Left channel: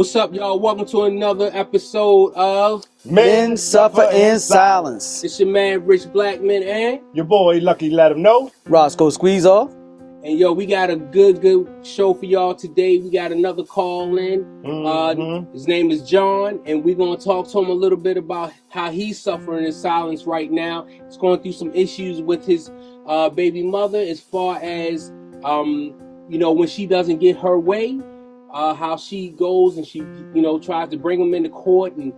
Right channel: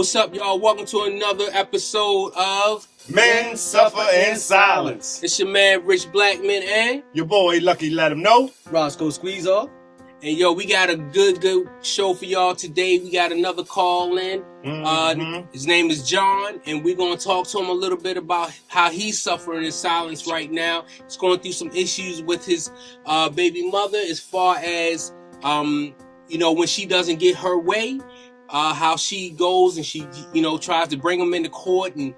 What's up, y'all? Welcome to another episode of Men Suffer in Silence. It's your man, Rich Blackman, and Your boy, Lucky Let Him Know. Roscoe Squeeze Off. And yo, we got a good show for y'all today. We got another call in. His name is John, and we're going to talk to him a little bit about how he's suffering in silence right now. He's going through some issues with his baby mother as far as, when she doesn't get her way, how she goes and she, tries to bring him into court and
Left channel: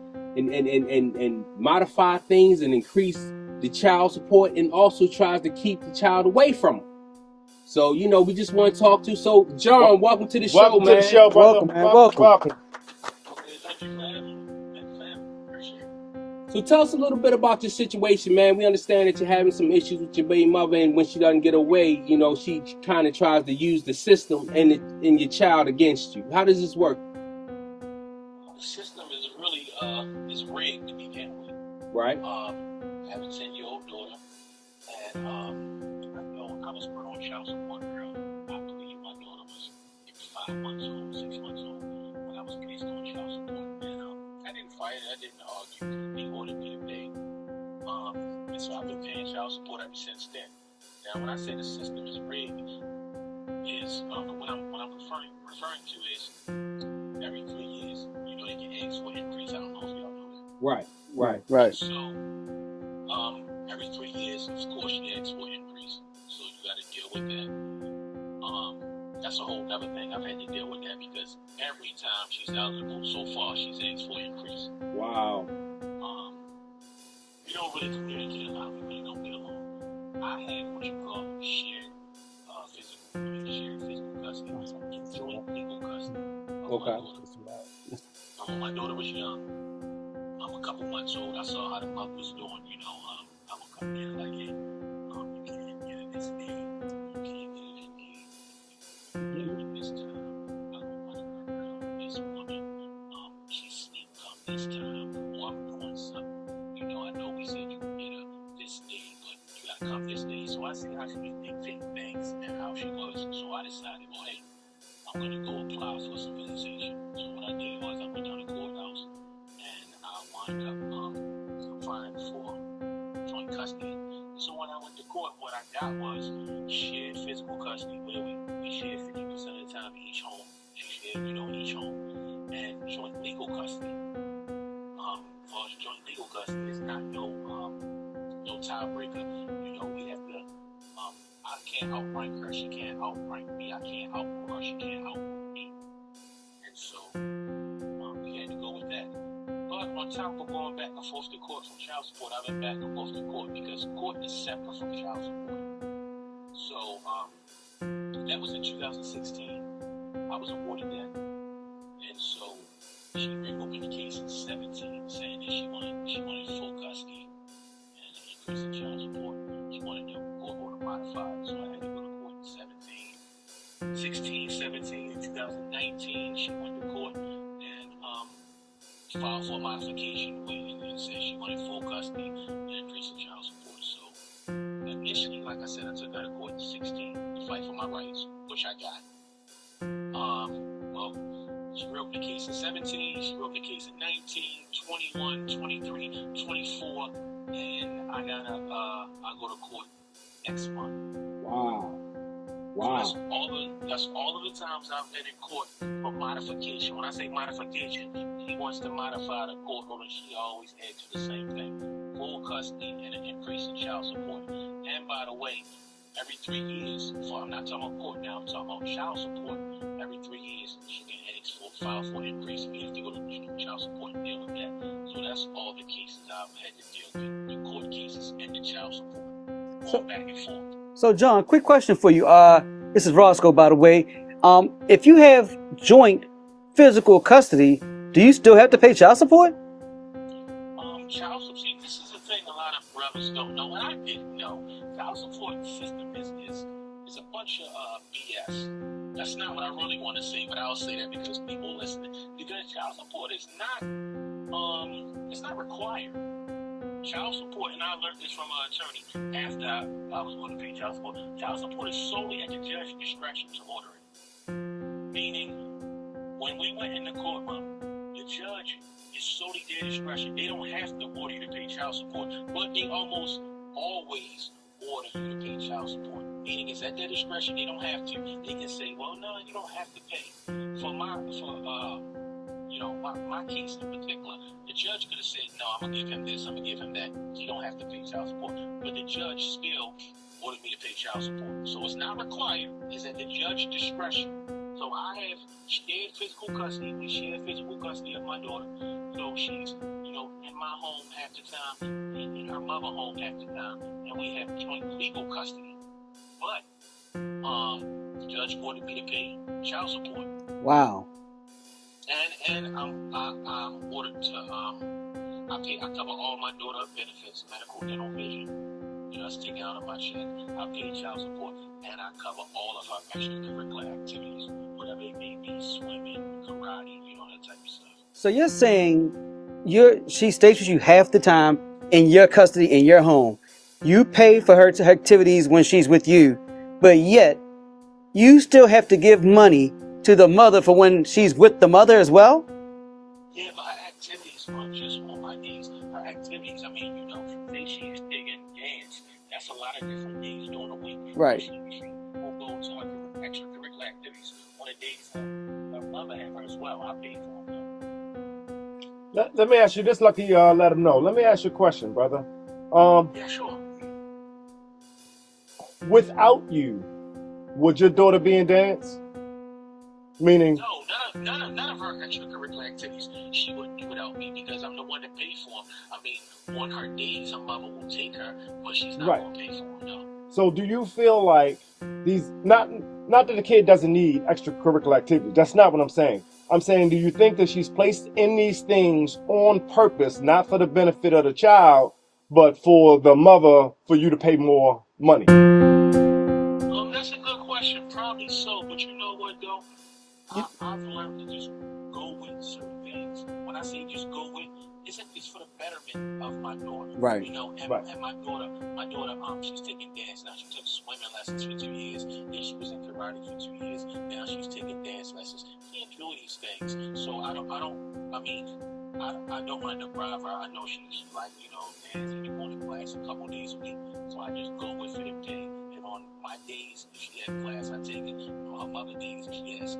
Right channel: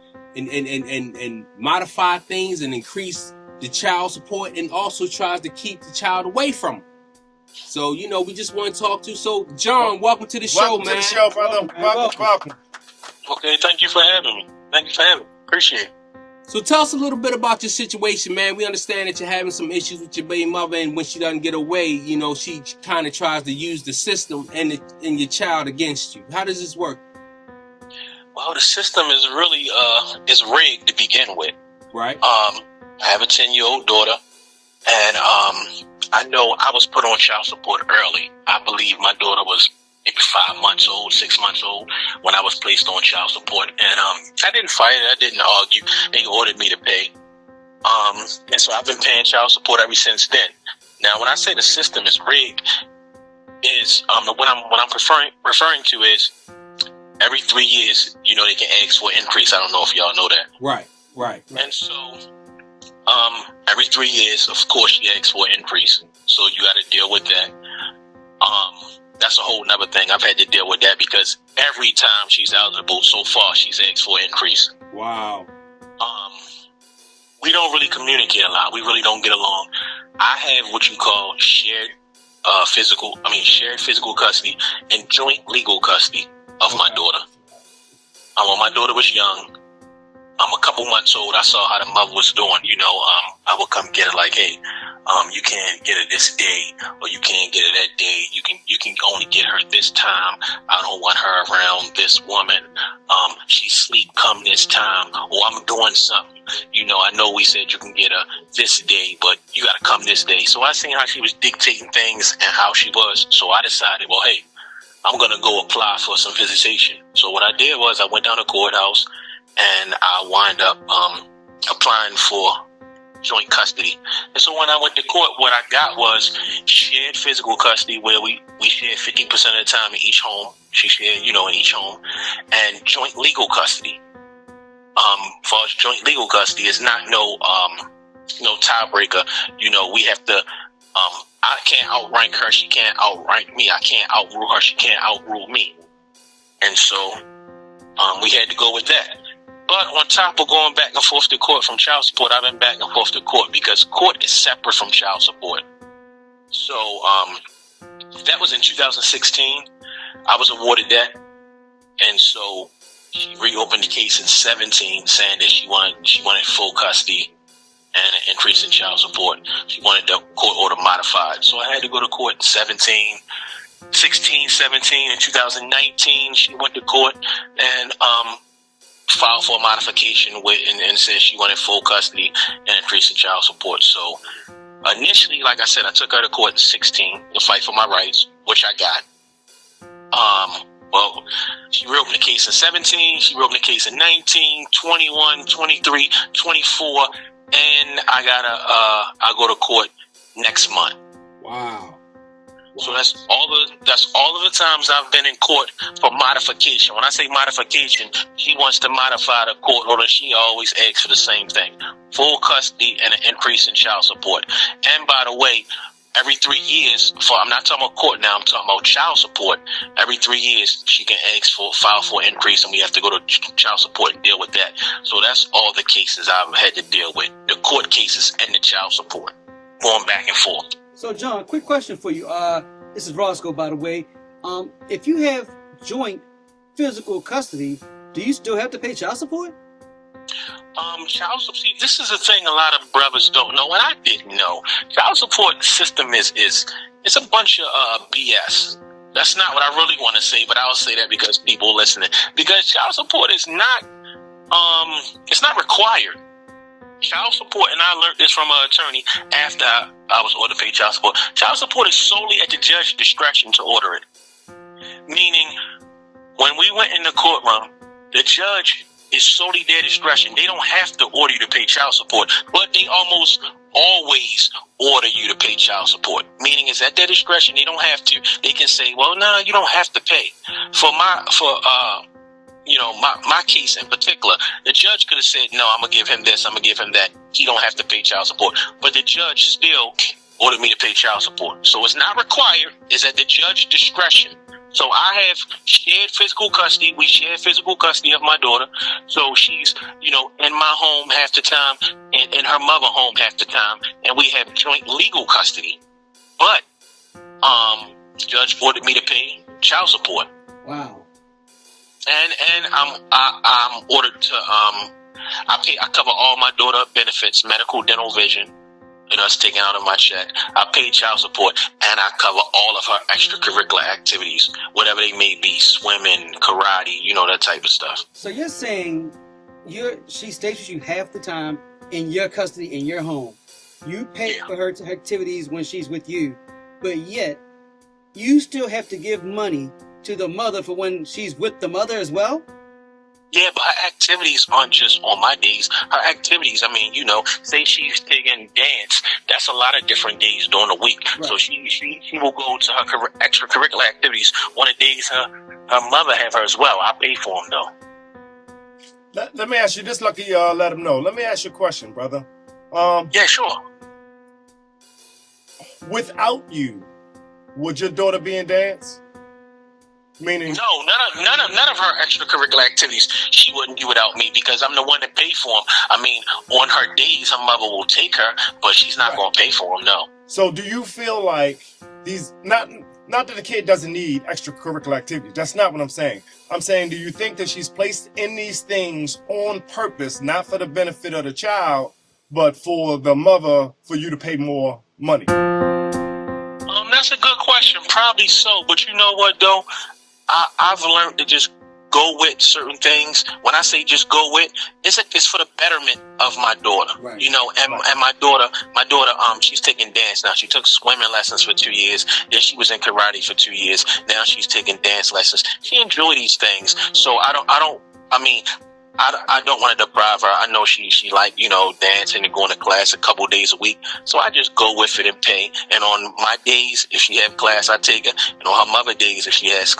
modify things and increase the child support, and also tries to keep the child away from him. So, we just want to talk to. So, John, welcome to the show, man. Welcome to the show, brother. Welcome. Okay, thank you for having me. Appreciate it. So, tell us a little bit about your situation, man. We understand that you're having some issues with your baby mother, and when she doesn't get away, she kind of tries to use the system and your child against you. How does this work? Well, the system is really is rigged to begin with. Right. I have a 10-year-old daughter, and I know I was put on child support early. I believe my daughter was maybe 5 months old, 6 months old when I was placed on child support. And I didn't fight it. I didn't argue. They ordered me to pay. And so I've been paying child support ever since then. Now, when I say the system is rigged, is what I'm referring to is every 3 years, they can ask for an increase. I don't know if y'all know that. Right. And so every 3 years, of course, she asks for an increase. So you got to deal with that. That's a whole nother thing. I've had to deal with that because every time she's eligible so far, she's asked for an increase. Wow. We don't really communicate a lot. We really don't get along. I have what you call shared physical custody and joint legal custody of my daughter. When my daughter was young, a couple months old, I saw how the mother was doing. I would come get her like, hey, you can't get her this day, or you can't get her that day. You can only get her this time. I don't want her around this woman. She sleep come this time, or I'm doing something. I know we said you can get her this day, but you got to come this day. So I seen how she was dictating things and how she was. So I decided, well, hey, I'm gonna go apply for some visitation. So what I did was I went down to the courthouse, and I wind up applying for joint custody. And so when I went to court, what I got was shared physical custody, where we shared 50% of the time in each home. She shared, in each home, and joint legal custody. For joint legal custody, it's not no tiebreaker. We have to. I can't outrank her. She can't outrank me. I can't outrule her. She can't outrule me. And so we had to go with that. But on top of going back and forth to court from child support, I've been back and forth to court because court is separate from child support. So that was in 2016. I was awarded that. And so she reopened the case in 17, saying that she wanted full custody and an increase in child support. She wanted the court order modified. So I had to go to court in 16, 17. In 2019, she went to court and filed for a modification and said she wanted full custody and increase in child support. So initially, like I said, I took her to court in 16 to fight for my rights, which I got. Well, she reopened the case in 17, she reopened the case in 19, 21, 23, 24, and I'll go to court next month. Wow. So that's all of the times I've been in court for modification. When I say modification, she wants to modify the court order. She always asks for the same thing: full custody and an increase in child support. And by the way, every 3 years, I'm not talking about court now, I'm talking about child support. Every 3 years, she can file for an increase, and we have to go to child support and deal with that. So that's all the cases I've had to deal with: the court cases and the child support, going back and forth. So, John, quick question for you. This is Roscoe, by the way. If you have joint physical custody, do you still have to pay child support? Child support. See, this is a thing a lot of brothers don't know, and I didn't know. Child support system is a bunch of BS. That's not what I really want to say, but I'll say that because people listening. Because child support is not, it's not required. Child support, and I learned this from an attorney after I was ordered to pay child support. Child support is solely at the judge's discretion to order it. Meaning, when we went in the courtroom, the judge is solely their discretion. They don't have to order you to pay child support, but they almost always order you to pay child support. Meaning it's at their discretion. They don't have to. They can say, well, no, you don't have to pay. For my case in particular, the judge could have said, no, I'm gonna give him this, I'm gonna give him that. He don't have to pay child support. But the judge still ordered me to pay child support. So it's not required. It's at the judge's discretion. So I have shared physical custody. We share physical custody of my daughter. So she's, in my home half the time and in her mother home half the time. And we have joint legal custody. But the judge ordered me to pay child support. Wow. And I'm ordered to I cover all my daughter benefits, medical, dental, vision. That's taken out of my check. I pay child support, and I cover all of her extracurricular activities, whatever they may be, swimming, karate, that type of stuff. So you're saying she stays with you half the time in your custody in your home. You pay for her activities when she's with you, but yet you still have to give money to the mother for when she's with the mother as well? Yeah, but her activities aren't just on my days. Her activities, say she's taking dance. That's a lot of different days during the week. Right. So she will go to her extracurricular activities on the days her mother have her as well. I pay for them, though. Let me ask you this, Lucky, let him know. Let me ask you a question, brother. Yeah, sure. Without you, would your daughter be in dance? Meaning? No, none of her extracurricular activities she wouldn't do without me, because I'm the one that pay for them. On her days, her mother will take her, but she's not going to pay for them, no. So do you feel like these, not that the kid doesn't need extracurricular activity, that's not what I'm saying. I'm saying, do you think that she's placed in these things on purpose, not for the benefit of the child, but for the mother, for you to pay more money? That's a good question. Probably so. But you know what, though? I've learned to just go with certain things. When I say just go with, it's for the betterment of my daughter. Right. And my daughter, she's taking dance now. She took swimming lessons for 2 years. Then she was in karate for 2 years. Now she's taking dance lessons. She enjoys these things. So I don't want to deprive her. I know she like, dancing and going to class a couple days a week. So I just go with it and pay. And on my days, if she have class, I take her. And on her mother days, if she has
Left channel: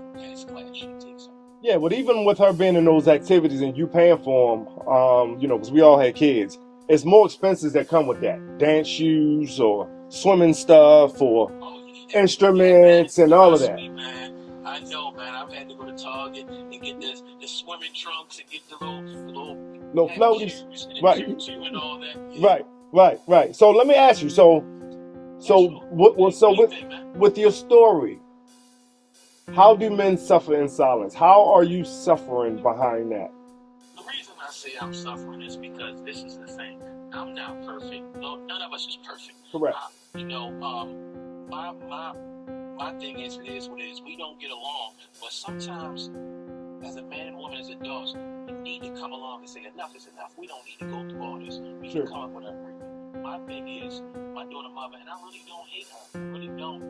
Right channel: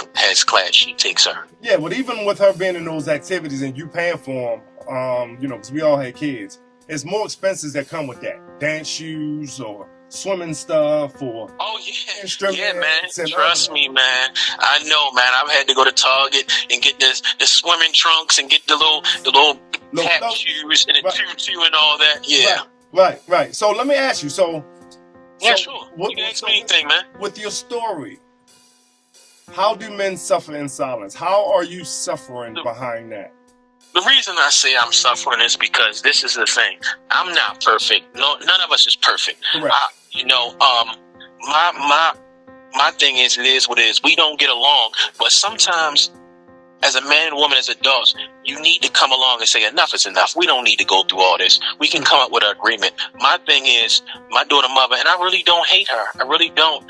class, she takes her. Yeah, but even with her being in those activities and you paying for them, because we all had kids, it's more expenses that come with that. Dance shoes or swimming stuff or instruments and all of that. Trust me, man. I know, man. I've had to go to Target and get the swimming trunks and get the little tap shoes and the tutu and all that. Yeah. Right. So let me ask you. Sure. With your story, how do men suffer in silence? How are you suffering behind that? The reason I say I'm suffering is because this is the thing. I'm not perfect. No, none of us is perfect. Correct. My thing is, it is what it is. We don't get along, but sometimes, as a man and woman, as adults, you need to come along and say enough is enough. We don't need to go through all this. We can come up with an agreement. My thing is, my daughter mother, and I really don't hate her. I really don't.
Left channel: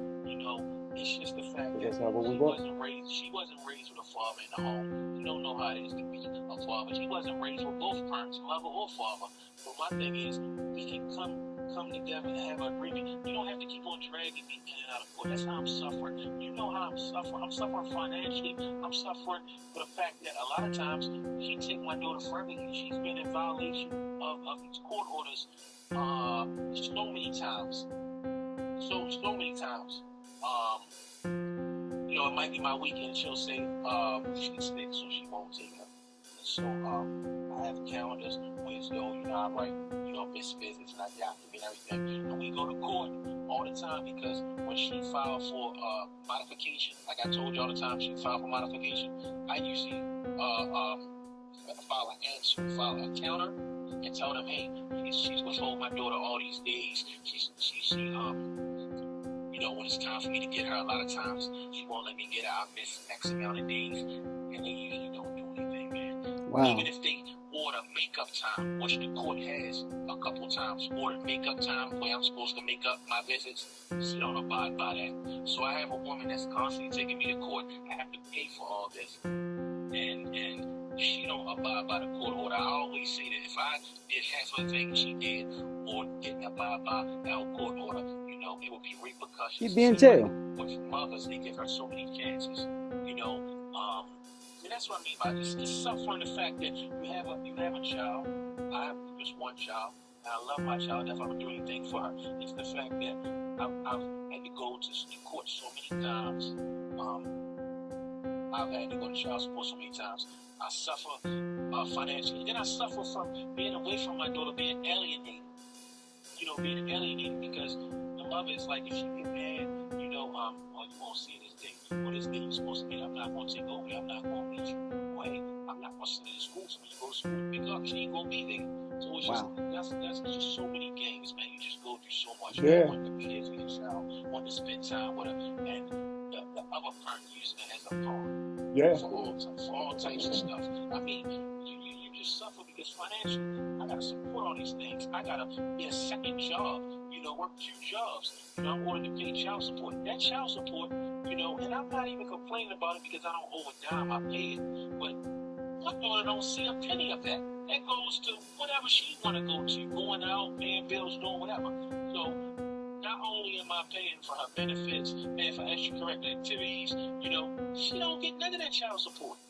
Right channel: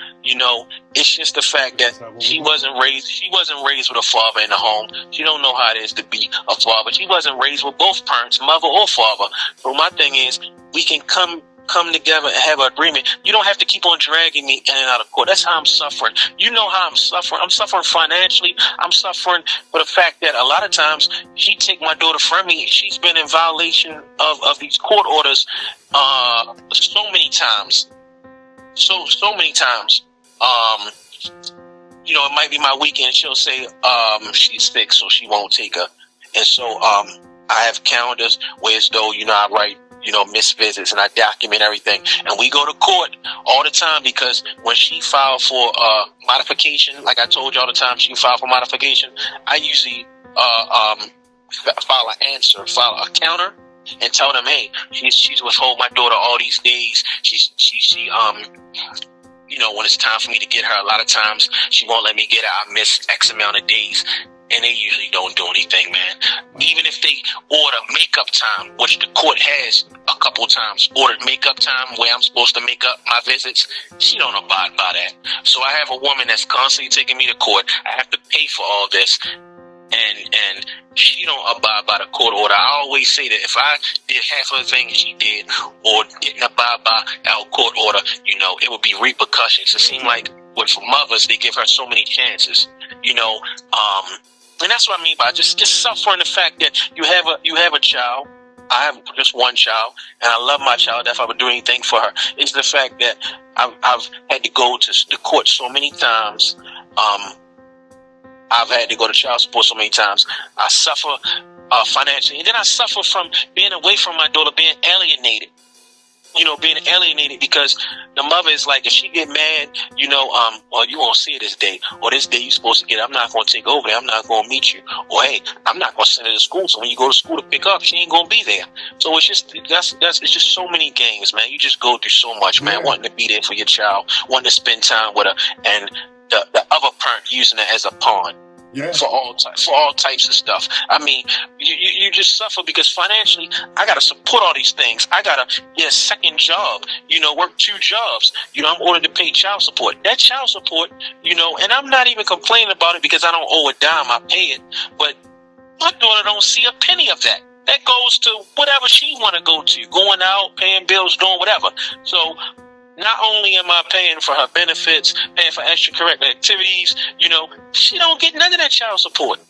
It's just the fact that she wasn't raised with a father in the home. She don't know how it is to be a father. She wasn't raised with both parents, mother or father. So my thing is, we can come together and have an agreement. You don't have to keep on dragging me in and out of court. That's how I'm suffering. You know how I'm suffering. I'm suffering financially. I'm suffering for the fact that a lot of times she take my daughter from me. She's been in violation of these court orders so many times. So many times. It might be my weekend. She'll say she's sick, so she won't take her. And so I have calendars where as though, I write, missed visits, and I document everything. And we go to court all the time because when she filed for modification, like I told you all the time, she filed for modification, I usually file a counter and tell them, hey, she's withhold my daughter all these days. She when it's time for me to get her, a lot of times she won't let me get her. I miss X amount of days. And they usually don't do anything, man. Wow. Even if they order makeup time, which the court has a couple times, ordered makeup time where I'm supposed to make up my visits, she don't abide by that. So I have a woman that's constantly taking me to court. I have to pay for all this. and she don't abide by the court order. I always say that if I did half of the things she did or didn't abide by our court order, it would be repercussions. It seems like with mothers, they give her so many chances, and that's what I mean by just suffering the fact that you have a child. I have just one child, and I love my child. If I would do anything for her, it's the fact that I've had to go to the court so many times. I've had to go to child support so many times. I suffer financially, and then I suffer from being away from my daughter, being alienated. Being alienated because the mother is like, if she get mad, well, you won't see her this day, or this day you're supposed to get her. I'm not going to take over there. I'm not going to meet you. Or, hey, I'm not going to send her to school. So when you go to school to pick up, she ain't going to be there. So it's just, it's just so many games, man. You just go through so much, man, wanting to be there for your child, wanting to spend time with her, and the other parent using it as a pawn. Yeah. For all types of stuff. I mean, you just suffer because financially, I gotta support all these things. I gotta get a second job. Work 2 jobs. I'm ordered to pay child support. That child support, and I'm not even complaining about it because I don't owe a dime. I pay it, but my daughter don't see a penny of that. That goes to whatever she want to go to, going out, paying bills, doing whatever. So. Not only am I paying for her benefits, paying for extracurricular activities, she don't get none of that child support.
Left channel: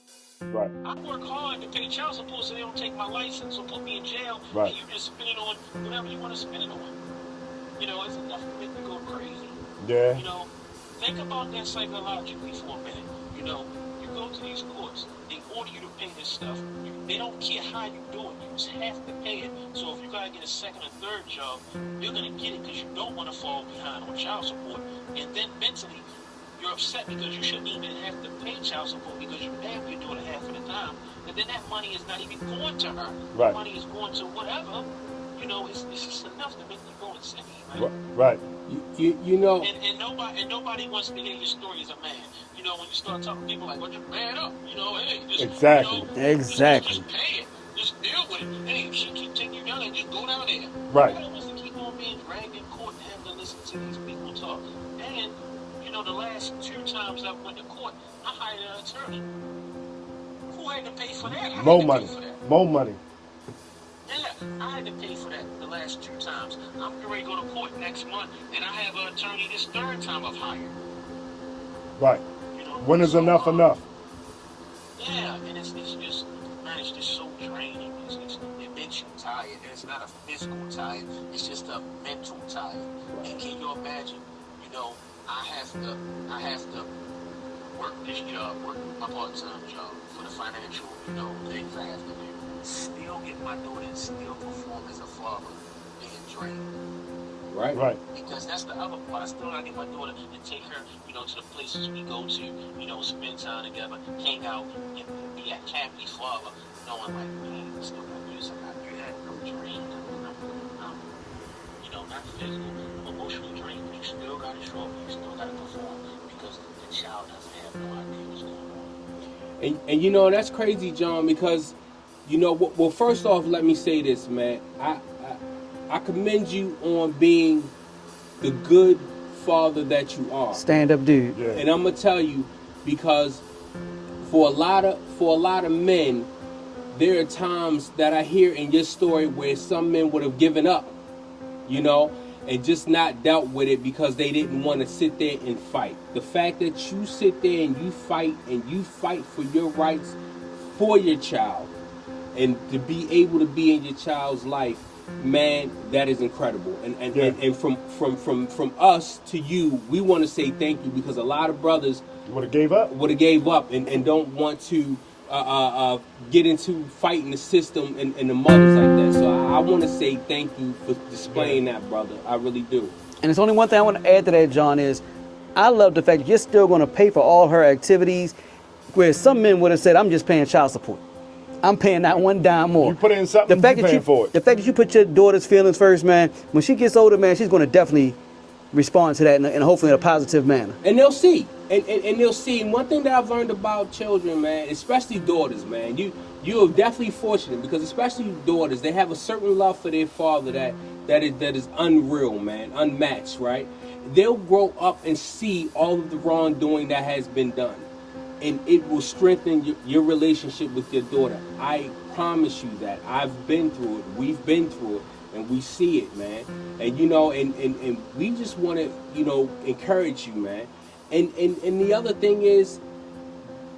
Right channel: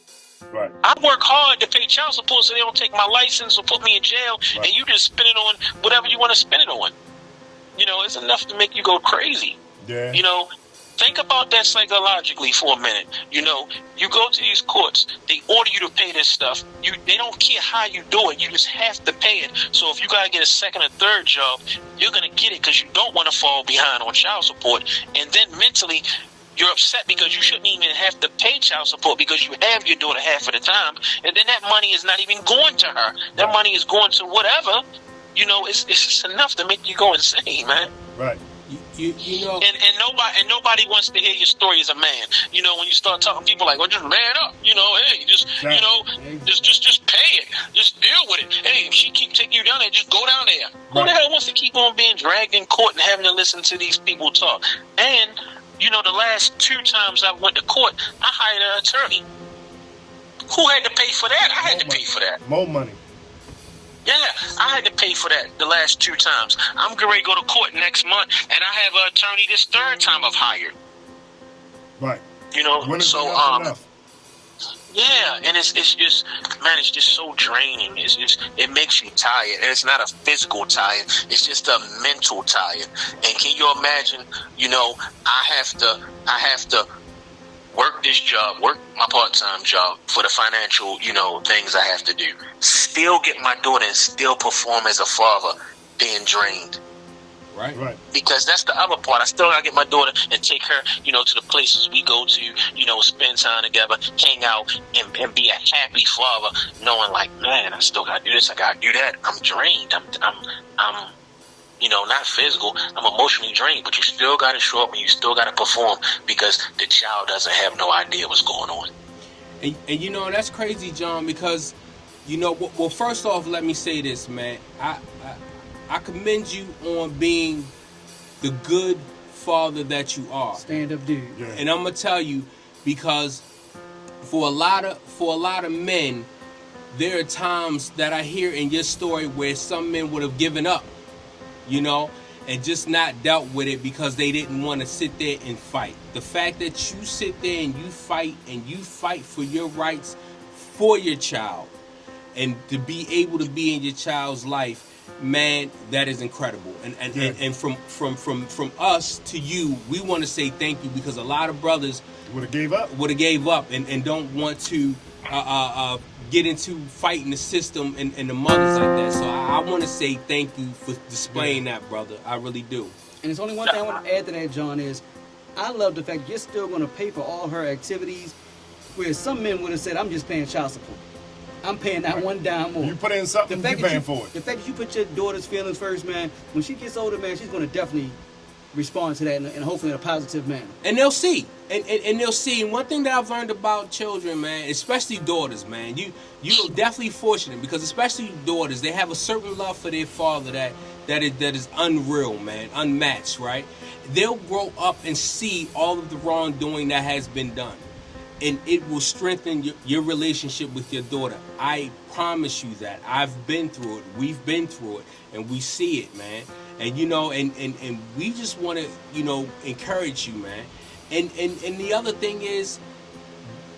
Right. I work hard to pay child support so they don't take my license or put me in jail, right. And you just spend it on whatever you want to spend it on. It's enough to make you go crazy. Yeah. Think about that psychologically for a minute. You go to these courts, they order you to pay this stuff. They don't care how you do it. You just have to pay it. So if you got to get a second or third job, you're going to get it because you don't want to fall behind on child support. And then mentally, you're upset because you shouldn't even have to pay child support because you have your daughter half of the time. And then that money is not even going to her. That money is going to whatever. It's just enough to make you go insane, man. Right. And nobody wants to hear your story as a man. When you start talking, people like, well, just man up. Hey, just just pay it, just deal with it. Hey, if she keep taking you down there, just go down there. Right. Who the hell wants to keep on being dragged in court and having to listen to these people talk? And the last 2 times I went to court, I hired an attorney. Who had to pay for that? I had to pay for that. More money. Yeah, I had to pay for that the last 2 times. I'm going to go to court next month, and I have an attorney this 3rd time I've hired. Right. When is enough? Yeah, and it's just, man, it's just so draining. It makes you tired, and it's not a physical tired. It's just a mental tired. And can you imagine? I have to work this job, work my part-time job for the financial, things I have to do. Still get my daughter and still perform as a father, being drained. Right. Because that's the other part. I still gotta get my daughter and take her, to the places we go to, spend time together, hang out, and be a happy father, knowing like, man, I still gotta do this, I gotta do that. I'm drained. I'm not physical. I'm emotionally drained, but you still gotta show up and you still gotta perform because the child doesn't have no idea what's going on. And that's crazy, John, because well, first off, let me say this, man. I commend you on being the good father that you are. Stand up, dude. Yeah. And I'm gonna tell you, because for a lot of men, there are times that I hear in your story where some men would have given up, and just not dealt with it because they didn't want to sit there and fight. The fact that you sit there and you fight for your rights for your child, and to be able to be in your child's life, man, that is incredible. And from us to you, we want to say thank you, because a lot of brothers would have gave up and don't want to get into fighting the system and the mothers like that. So I want to say thank you for displaying that, brother. I really do. And there's only one thing I want to add to that, John, is I love the fact that you're still going to pay for all her activities, where some men would have said, I'm just paying child support. I'm paying not one dime more. You put in something, you're paying for it. The fact that you put your daughter's feelings first, man, when she gets older, man, she's going to definitely respond to that in hopefully in a positive manner. And they'll see. And they'll see. And one thing that I've learned about children, man, especially daughters, man, you're definitely fortunate, because especially daughters, they have a certain love for their father that is unreal, man, unmatched, right? They'll grow up and see all of the wrongdoing that has been done. and it will strengthen your relationship with your daughter. I promise you that. I've been through it. We've been through it, and we see it, man. And you know, and we just want to, you know, encourage you, man. And the other thing is,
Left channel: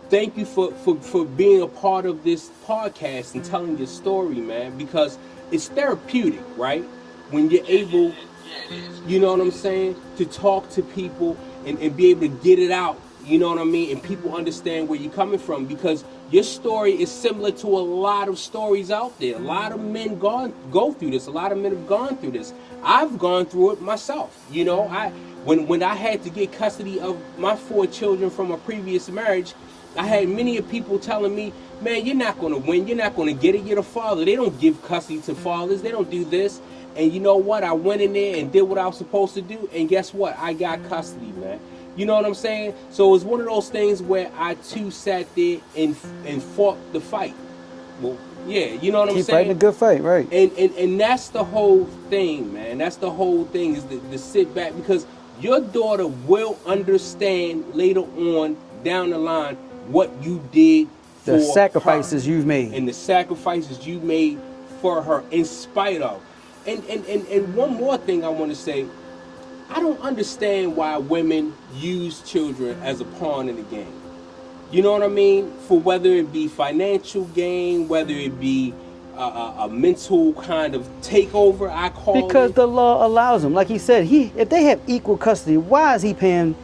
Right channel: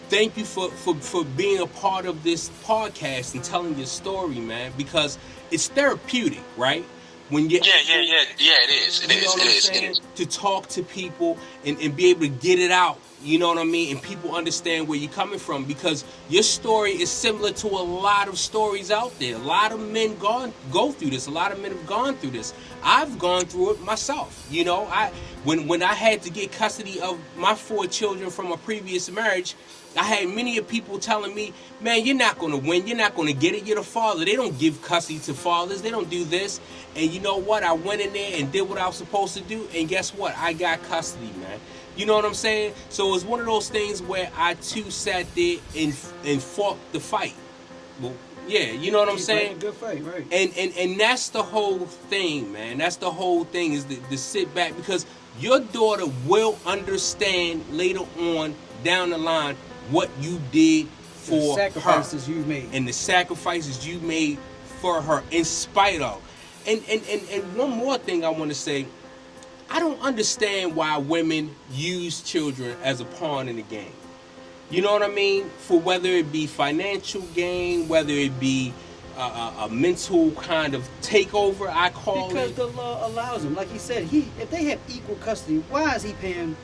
thank you for being a part of this podcast and telling your story, man, because it's therapeutic, right? When you're able, it is. You know what I'm saying? To talk to people and be able to get it out. You know what I mean? And people understand where you're coming from, because your story is similar to a lot of stories out there. A lot of men go through this. A lot of men have gone through this. I've gone through it myself. You know, when I had to get custody of my 4 children from a previous marriage, I had many people telling me, man, you're not going to win. You're not going to get it. You're the father. They don't give custody to fathers. They don't do this. And you know what? I went in there and did what I was supposed to do. And guess what? I got custody, man. You know what I'm saying? So it's one of those things where I too sat there and fought the fight. Well, yeah, you know what I'm saying? Fighting a good fight, right? And that's the whole thing, man. That's the whole thing, is to sit back, because your daughter will understand later on down the line what you did for the sacrifices her, you've made, and the sacrifices you made for her, in spite of. And one more thing I want to say, I don't understand why women use children as a pawn in the game. You know what I mean? For whether it be financial gain, whether it be a mental kind of takeover, I call it. Because the law allows them. Like he said, if they have equal custody, why is he paying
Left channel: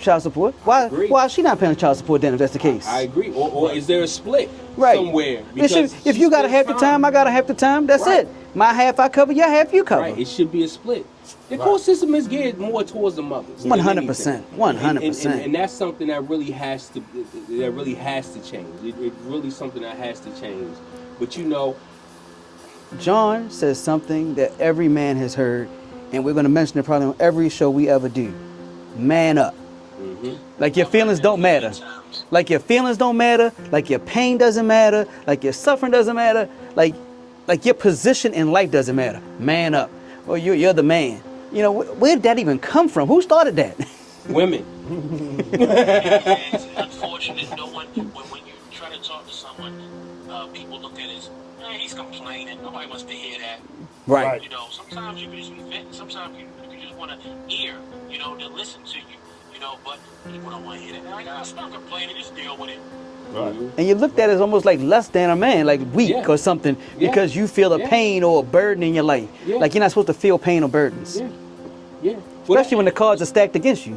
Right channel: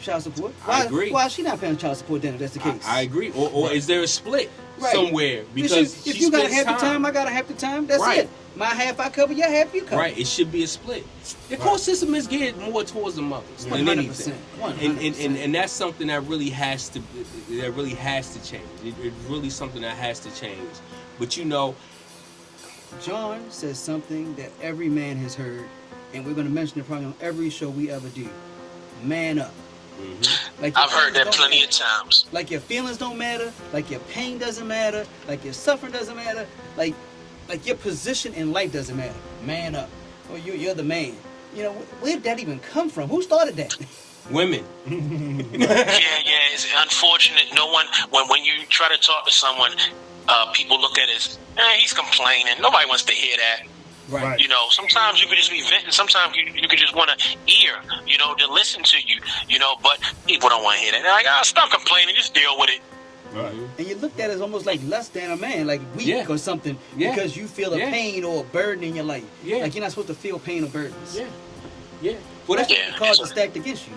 child support? I agree. Why is she not paying child support then, if that's the case? I agree. Or is there a split right. somewhere? Because if you got half the time, I got half the time. That's right. it. My half I cover, your half you cover. Right. It should be a split. The court system is geared more towards the mothers. 100%. 100%. And that's something that really has to change. It's really something that has to change. But you know, John says something that every man has heard, and we're going to mention it probably on every show we ever do. Man up. Mm-hmm. Like your feelings don't matter. Like your feelings don't matter. Like your pain doesn't matter. Like your suffering doesn't matter. Like your position in life doesn't matter. Man up. Or you're the man. You know, where did that even come from? Who started that? Women. It's unfortunate. No one, when you try to talk to someone, people look at it as, he's complaining. Nobody wants to hear that. Right. You know, sometimes you could just be venting. Sometimes you could just want to hear, you know, to listen to you, you know, but people don't want to hear that. They're like, stop complaining, just deal with it. Right. And you looked at it as almost like less than a man, like weak or something, because you feel a pain or a burden in your life. Yeah. Like you're not supposed to feel pain or burdens. Yeah. Especially when the cards are stacked against you.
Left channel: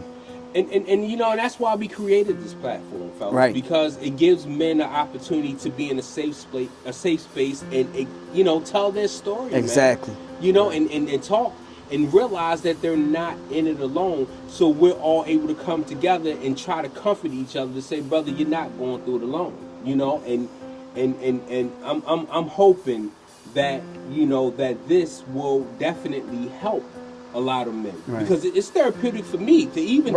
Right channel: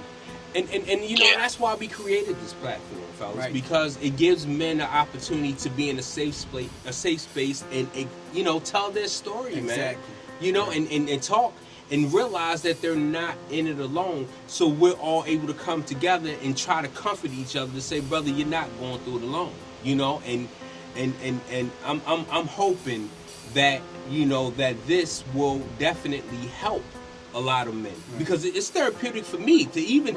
And you know, that's why we created this platform, fellas. Right. Because it gives men the opportunity to be in a safe space and you know, tell their story, exactly. man. You know, and talk and realize that they're not in it alone. So we're all able to come together and try to comfort each other to say, brother, you're not going through it alone. You know, and I'm hoping that, you know, that this will definitely help a lot of men, because it's therapeutic for me to even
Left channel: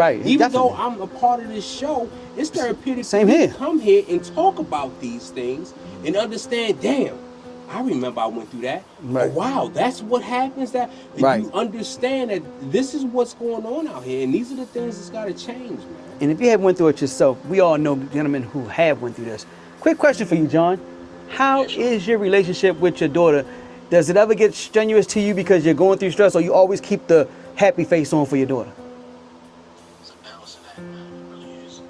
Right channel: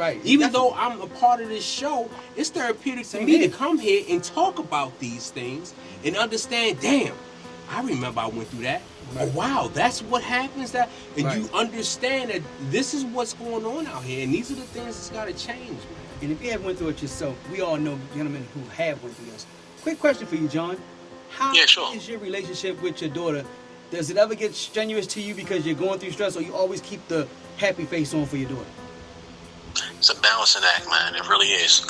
though I'm a part of this show, it's therapeutic for me to come here and talk about these things and understand, damn, I remember I went through that. Oh, wow, that's what happens. That and you understand that this is what's going on out here, and these are the things that's got to change, man. And if you haven't went through it yourself, we all know gentlemen who have went through this. Quick question for you, John. How is your relationship with your daughter? Does it ever get strenuous to you because you're going through stress, or you always keep the happy face on for your daughter? It's a balancing act, man. It really is.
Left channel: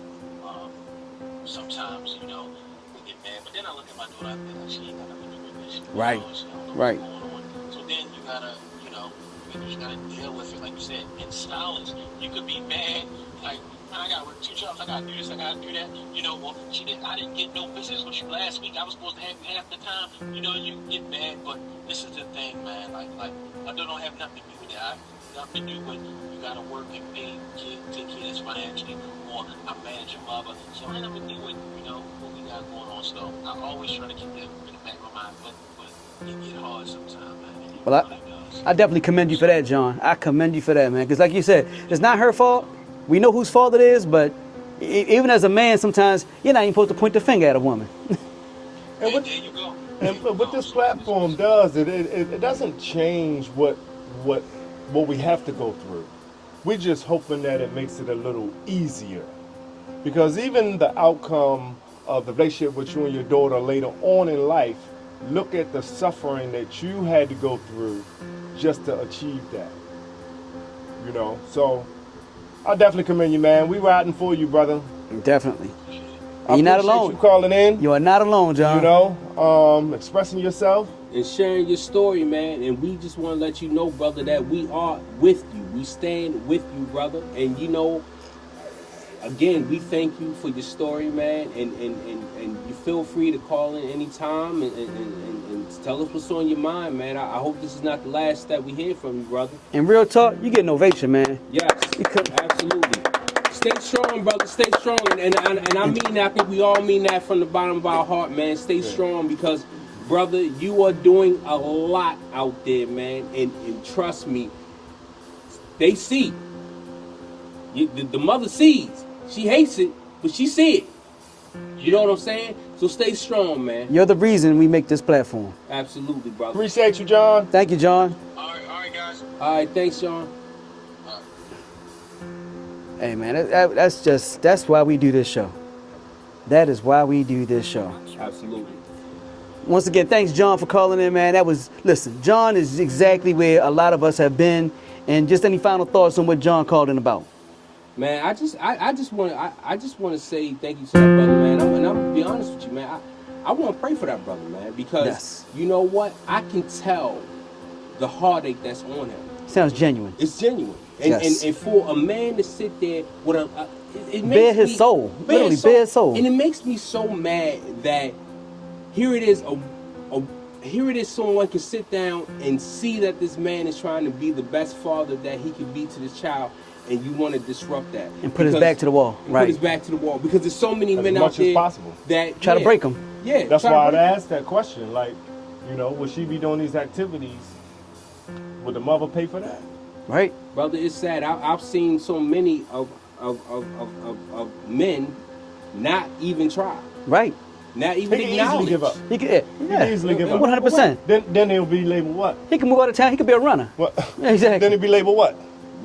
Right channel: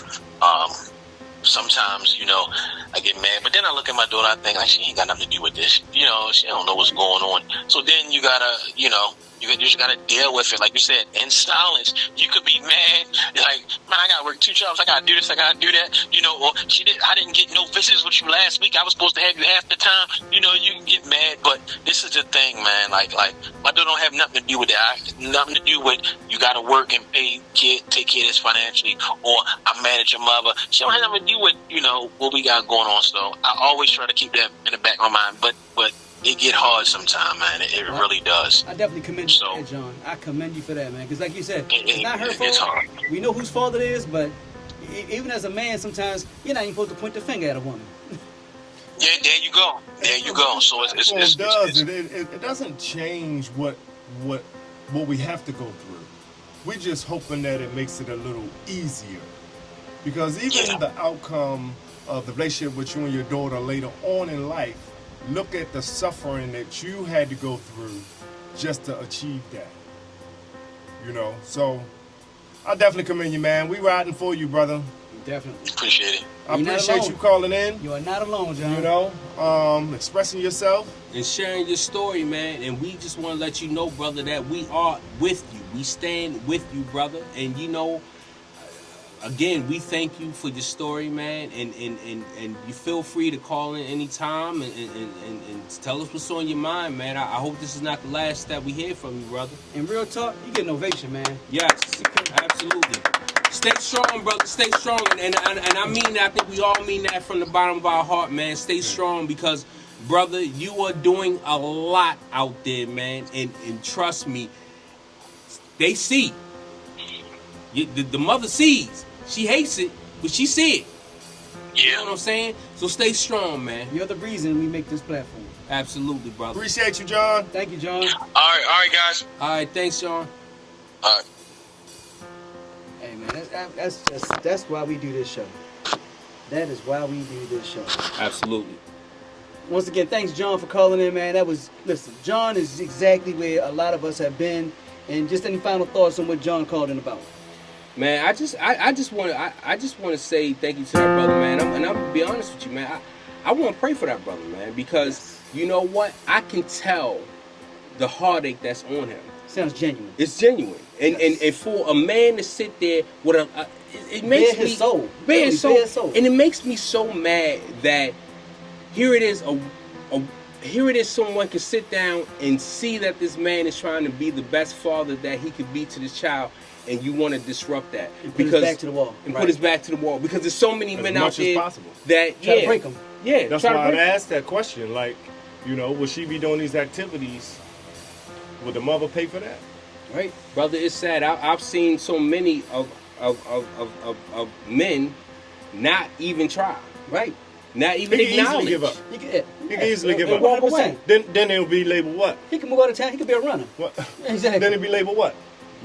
Sometimes, you know, I get mad, but then I look at my daughter, I think, like, she ain't got nothing to do with this. You know, she don't know what's going on. So then you gotta, you know, you just gotta deal with it. Like you said, in silence. You could be mad, like, man, I gotta work 2 jobs, I gotta do this, I gotta do that. You know, or I didn't get no visits with you last week, I was supposed to have you half the time. You know, you get mad, but this is the thing, man. Like my daughter don't have nothing to do with that. Nothing to do with you gotta work and take care of this financially, or I manage your mother. She don't have nothing to do with, you know, what we got going on. So I always try to keep that in the back of my mind, but it get hard sometimes, man. It really does. I definitely commend you for that, John. I commend you for that, man. Because like you said, it's not her fault. We know whose fault it is, but even as a man, sometimes you're not even supposed to point the finger at a woman. There you go. There you go. So it doesn't change what we have to go through. We're just hoping that it makes it a little easier. Because even the outcome of the relationship with you and your daughter later on in life, look at the suffering that you had to go through just to achieve that. You know, so I definitely commend you, man. We riding for you, brother. Definitely. Appreciate it. I You're not appreciate alone. you calling in. You are not alone, John. You know, expressing yourself. And sharing your story, man. And we just want to let you know, brother, that we are with you. We stand with you, brother. And you know, again, we thank you for your story, man. And you feel free to call in anytime and tell us what's on your mind, man. I hope this is not the last that we hear from you, brother. And real talk, you get an ovation, man. Yes, absolutely. Stay strong, brother. Stay strong. And I mean that. I think we all mean that from the bottom of our heart, man. Stay strong because, brother, you are doing a lot out there, man. And trust me, they see. The mother sees. She hates it, but she see it. You know what I'm saying? So stay strong, man. You're the reason we make this platform. Absolutely, brother. Appreciate you, John. Thank you, John. All right, guys. All right, thanks, Sean. All right. Hey, man, that's why we do this show. That is why we do this show. Absolutely. Once again, thanks, John, for calling in, man. Listen, John is exactly where a lot of us have been. And just any final thoughts on what John called in about? Man, I just want to say thank you to that brother, man. I'm gonna be honest with you, man. I want to pray for that brother, man, because you know what? I can tell the heartache that's on him. Sounds genuine. It's genuine, and for a man to sit there with it makes bare his soul, bare his soul, and it makes me so mad that here it is someone can sit down and see that this man is trying to be the best father that he could be to this child. And you want to disrupt that and put his back to the wall. And put his back to the wall because there's so many men out there that try to break them. Yeah, that's why I asked that question. Like, you know, will she be doing these activities? Would the mother pay for that? Right, brother. It's sad. I've seen so many of men not even try. Right. Not even he can acknowledge. Easily give up. He can easily give up. 100%. Then he'll be labeled what? He can move out of town. He could be a runner. What? Exactly. Then he'll be labeled what?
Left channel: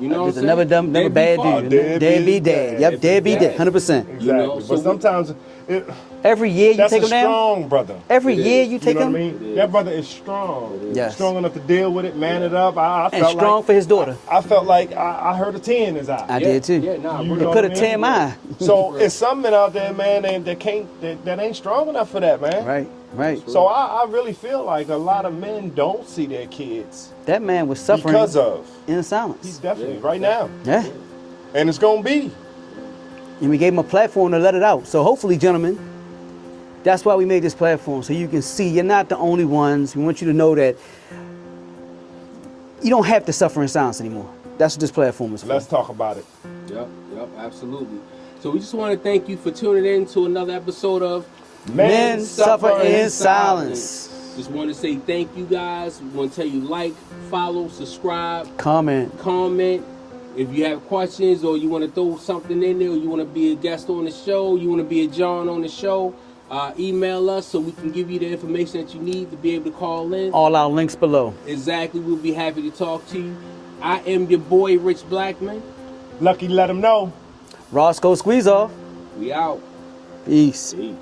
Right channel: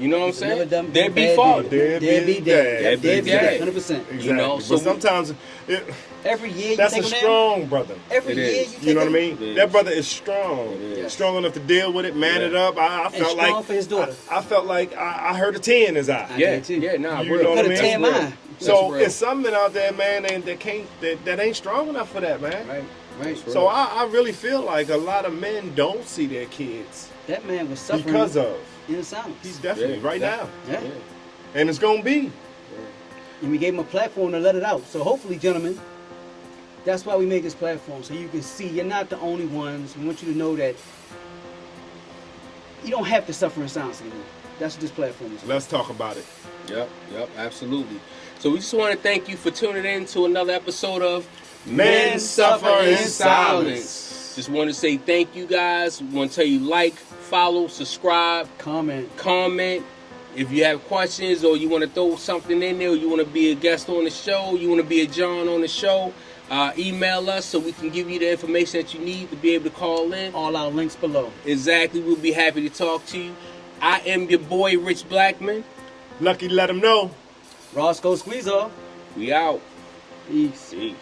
You know what I'm saying? Never done Deadbeat bad father. dude. Deadbeat dad. Yep, deadbeat dad. 100%. Exactly. You know, so sometimes every year you that's take a him down. strong brother. Every year you take You know him. what I mean? That brother is strong. Yes. Strong enough to deal with it, man it up. I And felt strong like for his daughter. I felt like I heard a tear in his eye. I did too. Yeah, nah, You real. know Could have what I mean? teared mine. So it's some men out there, man, that ain't strong enough for that, man. Right. So I really feel like a lot of men don't see their kids That man was suffering because of. in He's silence. definitely right now, Yeah. and it's gonna be. And we gave him a platform to let it out. So hopefully, gentlemen, that's why we made this platform. So you can see you're not the only ones. We want you to know that you don't have to suffer in silence anymore. That's what this platform is for. Let's talk about it. Yep, absolutely. So we just want to thank you for tuning in to another episode of Men Suffer in Silence. Just want to say thank you guys. We want to tell you like, follow, subscribe, Comment. If you have questions or you want to throw something in there, or you want to be a guest on the show, you want to be a John on the show, email us so we can give you the information that you need to be able to call in. All our links below. Exactly. We'll be happy to talk to you. I am your boy, Rich Blackman. Lucky to let him know. Roscoe Squeeze Off. We out. Peace. Peace.